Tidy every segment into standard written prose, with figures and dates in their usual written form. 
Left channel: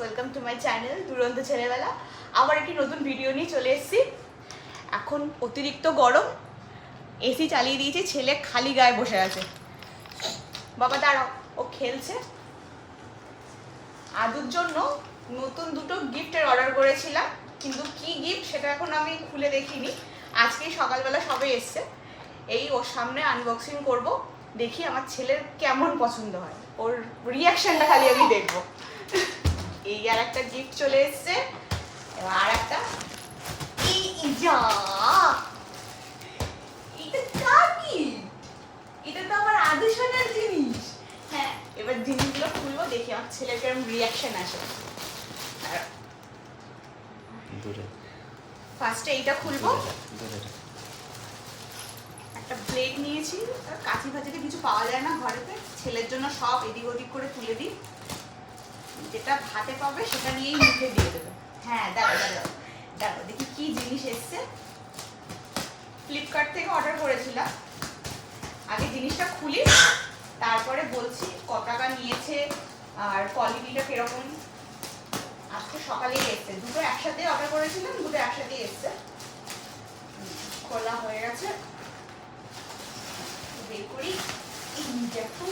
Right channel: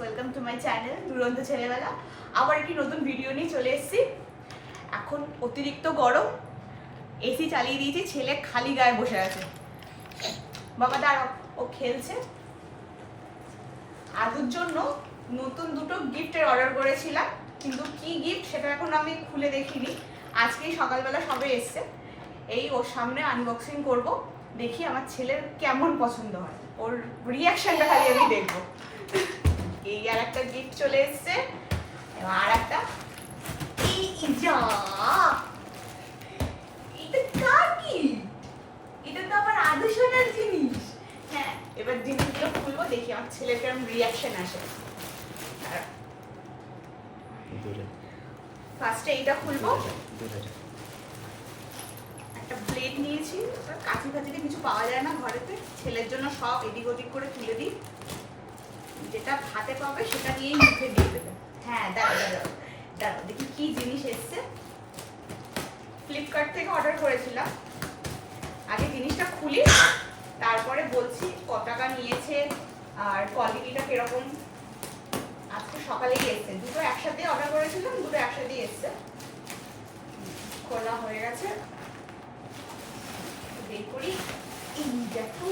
Welcome to my channel দুরন্ত ছেলেবেলা। আবার একটি নতুন ভিডিও নিয়ে চলে এসেছি। এখন অতিরিক্ত গরম, এসি চালিয়ে দিয়েছি, ছেলে খালি গায়ে বসে আছে। বাবা দাঁড়াও, ও খেলছে। আদুর জন্য নতুন দুটো গিফটের অর্ডার করেছিলাম, কিন্তু কি গিফট সেটা এখন আমি খুলে দেখিনি। আজকেই সকালবেলা সবে এসছে, এই ওর সামনে আনবক্সিং করব, দেখি আমার ছেলের কেমন পছন্দ হয়, ওর রিয়াকশনটা খালি আমি দেখবো। এই আর একটা গিফট চলে এসছে, আর একটা এটা তো আমার আদর্শনার জিনিস। হ্যাঁ, এবার জিনিসগুলো খুলবো, দেখি আমার ছেলের কেমন রিয়াকশন আসে। ফার্স্টে এইটা খুলবো। একটা প্লেট নিয়েছি, কাঁচি ফাঁচিতে কিছু পাওয়া যায় না ঘরেতে, ছেলের জন্য সব এদিক ওদিক করে তুলে দিই, যেটা হাতে পাবে সেটা নিয়েই মুখে দিয়ে দেবে। হ্যাঁ দাঁড়াও দাঁড়াও দাঁড়াও, দেখি কি জিনিস এসছে। ফ্লিপকার্ট থেকে অর্ডার করেছিলাম, আগে জিনিসটা খুলি তারপরে বলছি কত টাকা নিয়েছে আর কোয়ালিটিটা কিরকম। আজকে সকালেই এসছে, দুটো একসাথে অর্ডার করেছিলাম, দুটো একসাথেই এসছে। খোলা হয়ে গেছে, বের করি। এই দেখো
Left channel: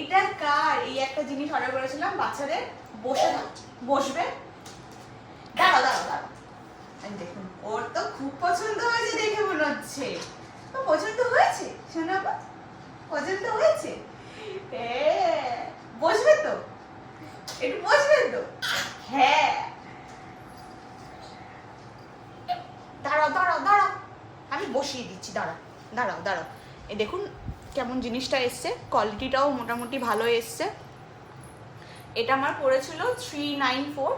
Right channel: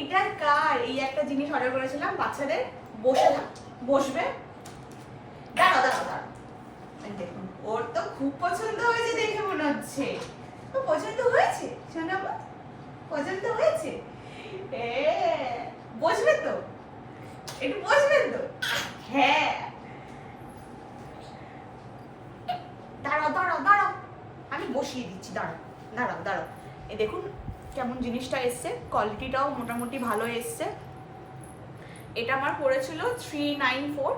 এটা কার? এই একটা জিনিস অর্ডার করেছিলাম বাচ্চাদের, বসবে। দাঁড়াও দাঁড়াও দাঁড়াও, দেখুন ওর তো খুব পছন্দ হয়েছে দেখে মনে হচ্ছে। পছন্দ হয়েছে শোনা, পছন্দ হয়েছে। বসবে তো, একটু বসবেন তো? হ্যাঁ দাঁড়াও দাঁড়াও দাঁড়াও, আমি বসিয়ে দিচ্ছি, দাঁড়াও দাঁড়াও দাঁড়াও। এই দেখুন কেমন জিনিসটা এসছে, কোয়ালিটিটাও মোটামুটি ভালো এসছে। এটা আমার পড়েছিল 394।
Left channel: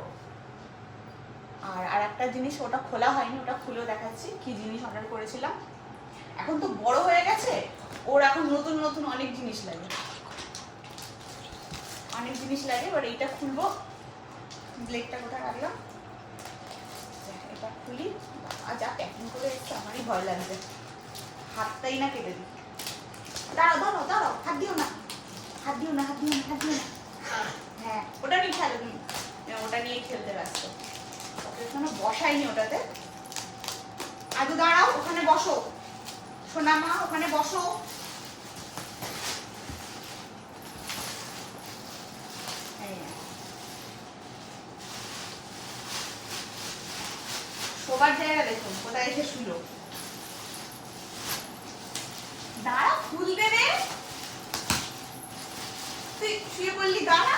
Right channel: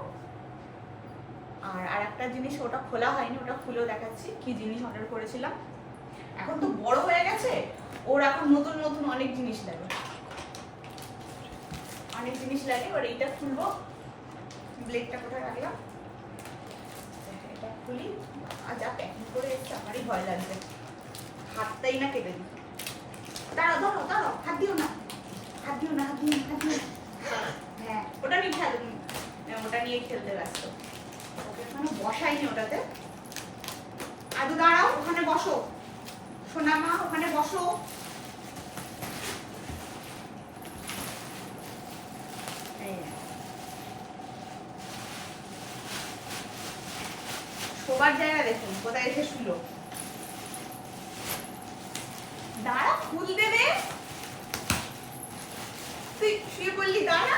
আর একটা জিনিস ওটা খোলা হয়নি, ওটা খুলেও দেখাচ্ছি কি জিনিস অর্ডার করেছিলাম। এখন তো বড় হয়ে গেছে, ওর এখন নতুন নতুন অনেক জিনিস লাগে, অনেক জিনিস লাগে। এবার এইটা খুলবো, ব্লেডটা কোথায় রাখলাম, এটা খুলি। আর যা প্যাকিং করে এসছে আমারই ভয় লাগছে, হাতটাই না কেটে দিই। দাঁড়াও দাঁড়াও দাঁড়াও, হাত দিও না, হাত দিও না, হাত দিও না, হাত দিও না। হ্যাঁ ওটা নিয়ে খেলো, ওটা নিয়ে খেলতে ব্যস্ত, ওটা বসাইনি ওটাতে। আদু দাঁড়াও, ওখানে বসো, সোনা মা ওখানে বসো। শোবার জায়গা দেখুন কোথায় এসে শুলো। দাঁড়া, খুলতে দে, তুই শুয়ে পড়লি, দাঁড়া।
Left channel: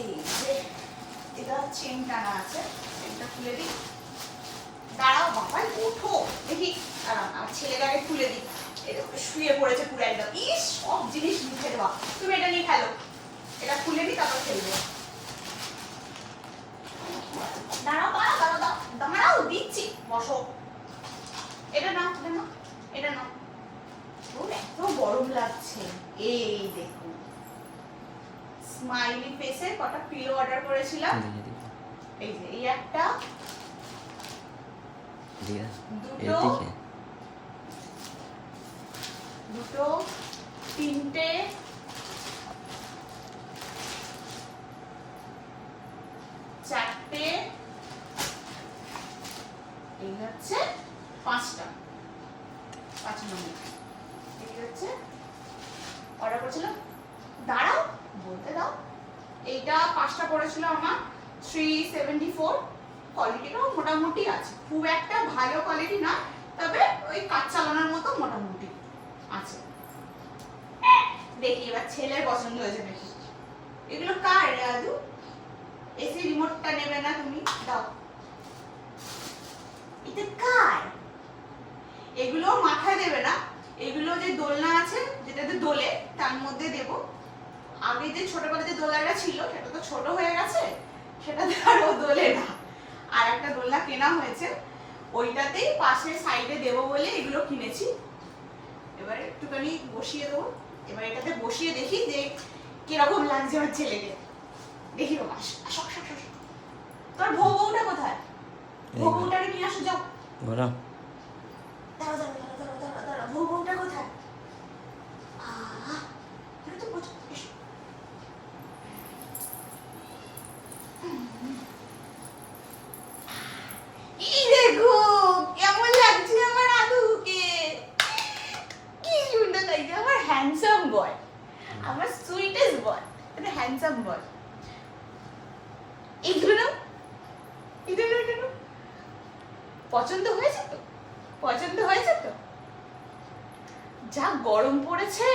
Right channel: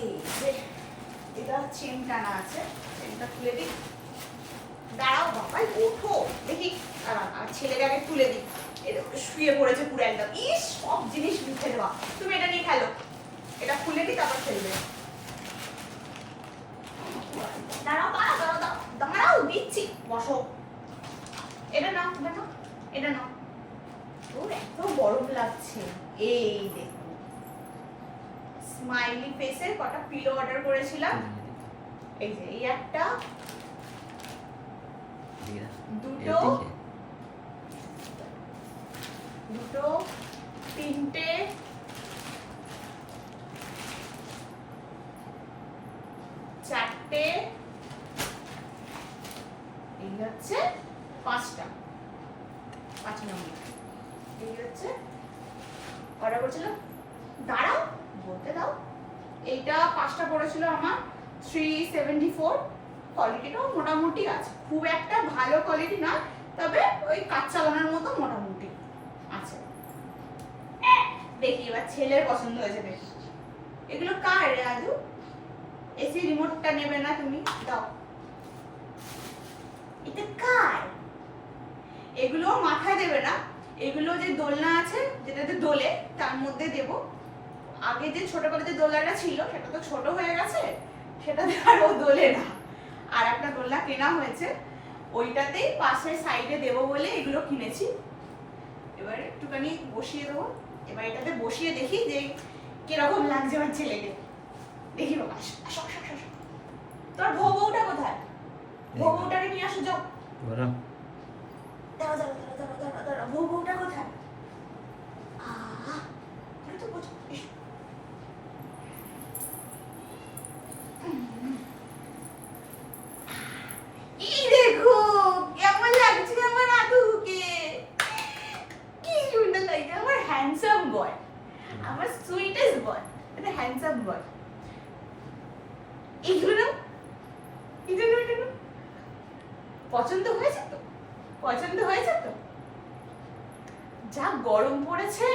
এই যে এটা চেন টানা আছে, চেনটা খুলে দিই। দাঁড়াও বাবাই, ওঠো দেখি, আমার ছেলেকে আগে খুলে দিই। এটা শুয়ে পড়েছে পুরো একদম, ইস সব জিনিস লিখে দেওয়া। তুমি এটা নিয়ে খেলো, এটা খুলে দিই তারপর খেলবে। দাঁড়াও দাঁড়াও দাঁড়াও দাঁড়াও, দিচ্ছি, বসো। এটা নাও, এটা নাও, এটা নাও। ওর এত গরম লাগছে। এই দেখুন স্মাইলি ফেসে কটা পিলো অর্ডার করেছিলাম। এই যে এই একটা, দুটো, দুটো, তিনটে, চারটে, এই হচ্ছে পাঁচটা, 5 নম্বর। এই হচ্ছে অর্ডার করেছিলাম। দাঁড়াও বলতে দাও। এইটা 5টা পড়েছিল আমার 374। কোয়ালিটিটাও মোটামুটি আছে, খুব একটা ভালো কোয়ালিটি না, তবে ওই কাজ চালানোর মতো মোটামুটি আছে। দেখি এবার ছেলের পছন্দ হয়েছে দেখি। এগুলো কার রে আদু? এসি রিমোটটা নেবে না তুমি? দাও। এটা কার? এগুলো মাথায় দেবে না, এগুলো যে দোলনা আছে যেটাতে দোলে তার মধ্যে দেব। আগে যে ছোটবেলায় যে দোলনাটা ছিল সেটা তো ছোট হয়ে গেছে, সেটাতে আর ও দোলে না। আর একটা দোলনা কেনা হয়েছে, ওইটাতেই পাশে সাইডে দেবো বলে এগুলো কিনেছি। এবার একটুখানি বসিয়ে দেবো। এবার এটাতে বসিয়ে দেখি যে কিরকম লাগছে আমার ছেলেকে। দেখি বাবা, আসো আসো আসো। তোমার বউটা কোথায়? বউটাকে নিয়ে আসো, যাও। দাঁড়াও দাঁড়াও দাঁড়াও দাঁড়াও দাঁড়াও, বউটা কোথায়? এটা তো বুঝ। এই দেখো কেমন লাগছে আমার আদুকে, কি সুন্দর লাগছে আমার হ্যান্ডসাম বয়, আমার সুইটেস্ট বয়, এটা হ্যান্ডসাম বয়। এইগুলো না, এটা না, পছন্দ হয়েছে তো? পছন্দ হয়েছে তো? যা গরম পড়েছে,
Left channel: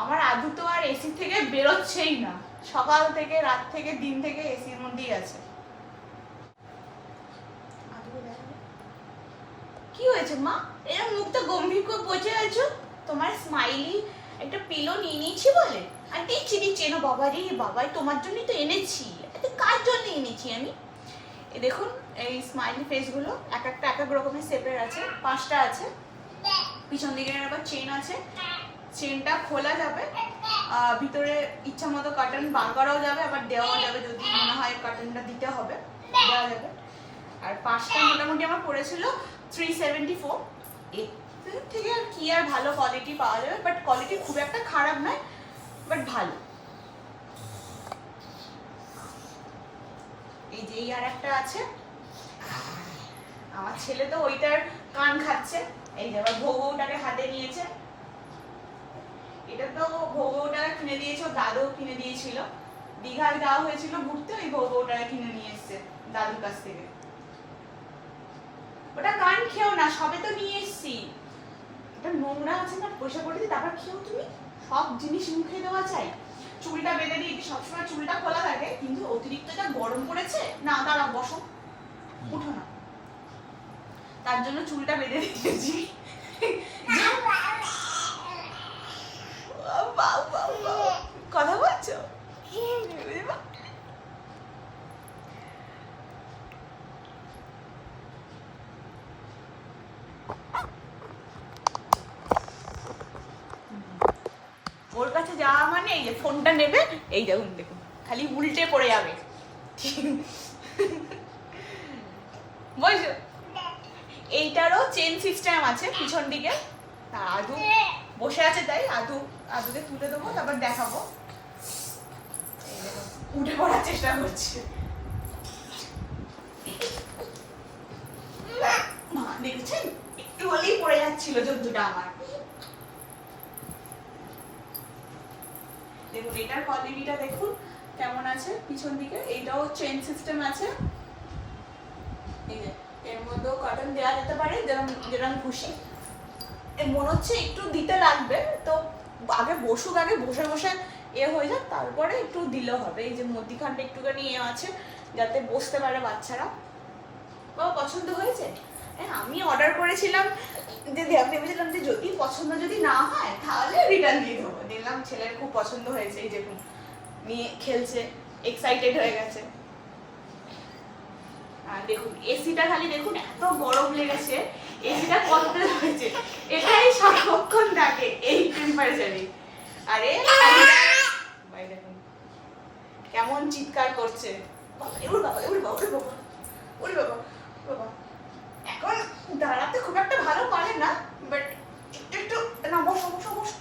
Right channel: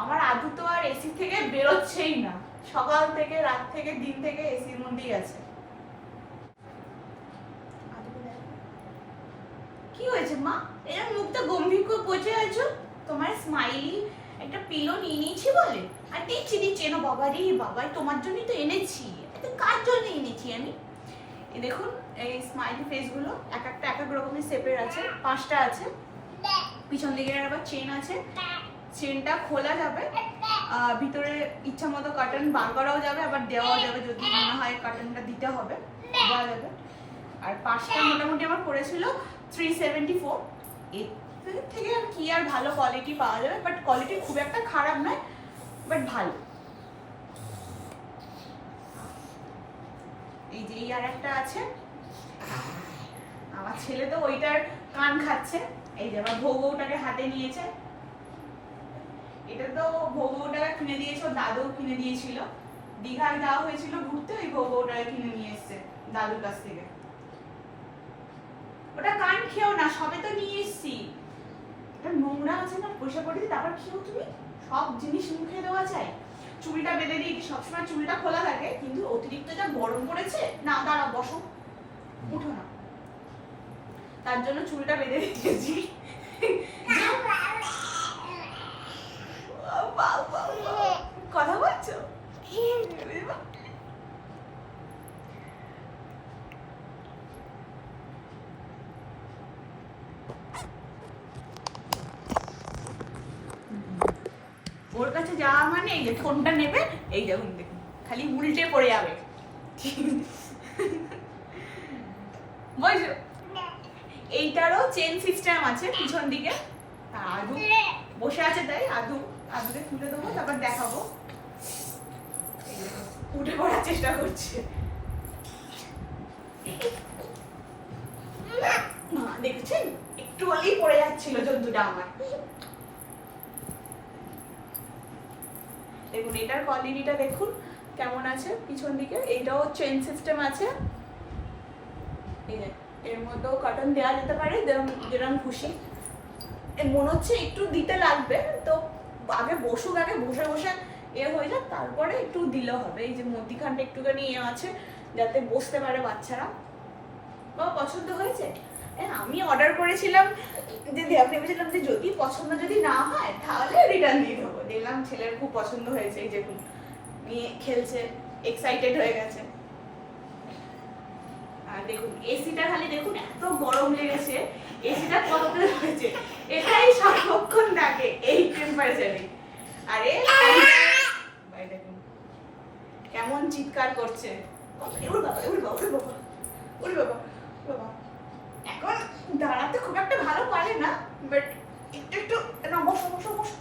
আমার আদু তো আর এসি থেকে বেরোচ্ছেই না। সকাল থেকে রাত থেকে দিন থেকে এসির মধ্যেই আছে। কি হয়েছে মা? এরকম মুখটা গম্ভীর করে বসে আছো? তোমার স্মাইলি একটা পিলো নিয়ে নিয়েছি বলে? আর দিচ্ছি দিচ্ছি, এনো বাবা রে বাবাই, তোমার জন্যই তো এনেছি। এত কার জন্য এনেছি আমি? এই দেখুন এই স্মাইলি ফেসগুলো এক একটা এক এক রকমের শেপের আছে, 5টা আছে। পিছন দিকে আবার চেন আছে, চেনটা খোলা যাবে, ভিতরে ইচ্ছা মতো কার্টন বার করাও যাবে, আবার দেওয়াও যাবে, যদি মনে হয় কার্টনটা দিতে হবে দেওয়া যাবে। আর 5টা মোটামুটি আমার পড়েছিল 374। এর থেকে কি আর ভালো কোয়ালিটি পাওয়া যাবে, বাট কোয়ালিটি খুব একটা খারাপ নয়, বাট ভালো। এই যে এই আর একটা আছে, আমার ছেলে তো ওইটার কান খাচ্ছে। এই যে আবার ভোগটাকে হাতে নিয়েছে, এটা তো ভোগটাকে কিনে দিয়েছে, দাদু কিনে দিয়েছিল। দীঘায় যাওয়া হয়েছিল ঘুরতে, ওই ভোগটাকে কিনে নিয়ে এসছে দাদুর কাছ থেকে। ওটা কান খেও না, সবে তো নিয়ে এসছি। এটা নোংরা আছে না, বসে পড়েছি, তারপর খেও তুমি? সব জিনিস মুখে দেওয়া চাই। চুলটা বেঁধে দিয়েছি, সবসময় চুলটা খোলা থাকে, কিন্তু অতিরিক্ত যা গরম পড়েছে না, দাঁড়া বসো, উঠো না, তার জন্য চুলটা বেঁধে দিয়েছি। কথা বলছো? ওর কাছে যাওয়া মানে এই যে ফোনটা নেবে, এই দেখুন দেখুন খালি উল্টে পড়ে যাবে। বুঝছো? এইটারও চেন সিস্টেম আছে পিছন দিকে। আদু বসে আছে, তাই আদুকে তুলে দেবো, তারপর দেখাবো। উঠে পড়ার চেষ্টা করছে। দেখেছেন একটু হলেই পড়ে যাচ্ছিল জন্তুটা আমার। দেখুন এটার কোয়ালিটিটা দেখুন কেমন আছে পিছন দিকে। এইটাও চেইন সিস্টেম আছে, এই যে এর মধ্যেও কার্টন দেওয়া যেতে পারে যেরকম খুশি। মনে হচ্ছে একটু দিতে লাগবে, তো আগে বসুক, আগে বসে বসে হয়ে যাক, তারপরে একটু দিলে হবে। এই যে মধ্যিখানটা একটুখানি আছে যাতে বসতে পারে বাচ্চারা। বাবা পছন্দ হয়েছে? আমি অর্ডার করেছিলাম যে ভেবেছিলাম যে যদি পছন্দ যদি না হয় তাহলে রিটার্ন দিয়ে দেবো। দেখলাম ছেলের খুব পছন্দ হয়েছে, এই দেখুন নিয়ে খেলছে, এক্সাইটেড হয়ে গেছে। আর দেখুন এসিটা খালি দেখুন এত গরম লেগেছে, এসিটা কত হয়েছে, এটাই সারাক্ষণ থাকে এই টেম্পারেচারে। আরে ভাই দেখুন কেমন চিৎকার করছে। এখন দাঁড়াতে খুব একটা ভালো পারে না, বাট একটু না, বসো বসো বসো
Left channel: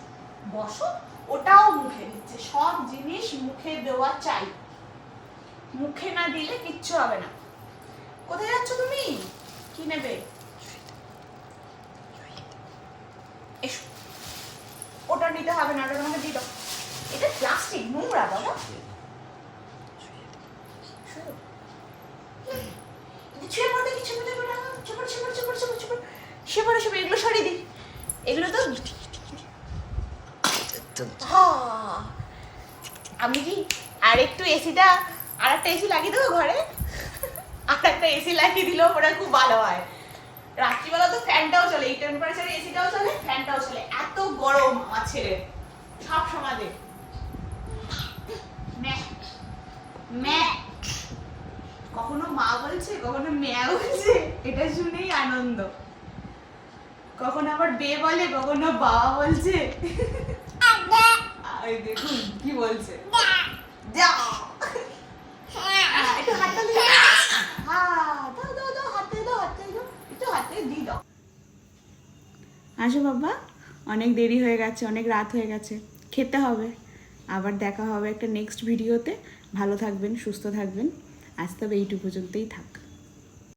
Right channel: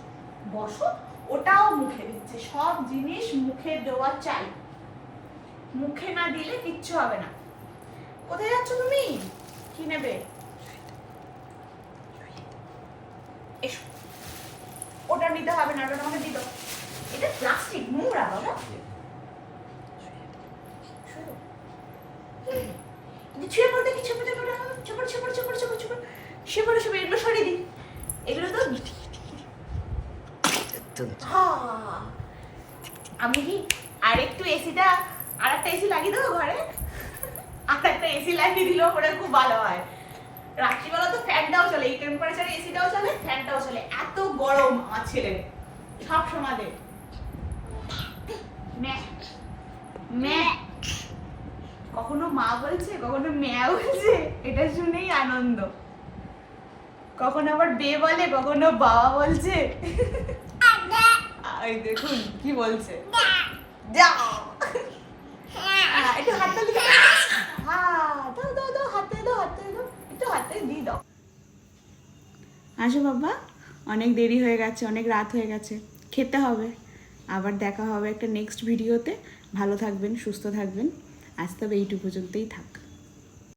বসো। ওটাও মুখে দিচ্ছে, সব জিনিস মুখে দেওয়া চাই, মুখে না দিলে কিচ্ছু হবে না। কোথায় যাচ্ছ তুমি? কি নেবে? এসো, ওটা নিতে হবে না, ওটা তোমাকে দিয়ে দাও। এটা প্লাস্টিক, নোংরা বাবা। ছুঁয়ে পড়তে কি ছুঁয়ে পড়তে এগুলো সরিয়ে দিই। এগুলো তো আমি কি আর একটু এসিটা, আর একটা এসি লাগিয়ে দেবো ঘরে, আর একটা এসি লাগিয়ে দিলেও ওরা খুব ভালো হয়। রাত্রিবেলা তো ফ্যানটাও চলে, এই টেম্পারেচারে এসিটাও চলে, ফ্যানটাও চলে, এত গরম আমার ছেলের সব সময়। কখনো মা বলছে, কখনো ম্যা বলছে, এটা শুনেই আনন্দ। কখনো আবার বে বলে, কখনো বাবা বলছে। এই দেখুন কি বলছে, যা একটু হাত তালি দাও, দাও দাও হাত তালি দাও, হাত তালি দাও, একটু হাত তালি দিয়ে দাও। আসো বাবা, অনেক দেরি হয়ে গেছে, অনেক রাত হয়ে গেছে, খেতে হবে। আবার দেখা হবে একটা নেক্সট ভিডিওতে। ভালো থাকবেন, সুস্থ থাকবেন। আজ তবে এইটুকু পর্যন্তই থাক।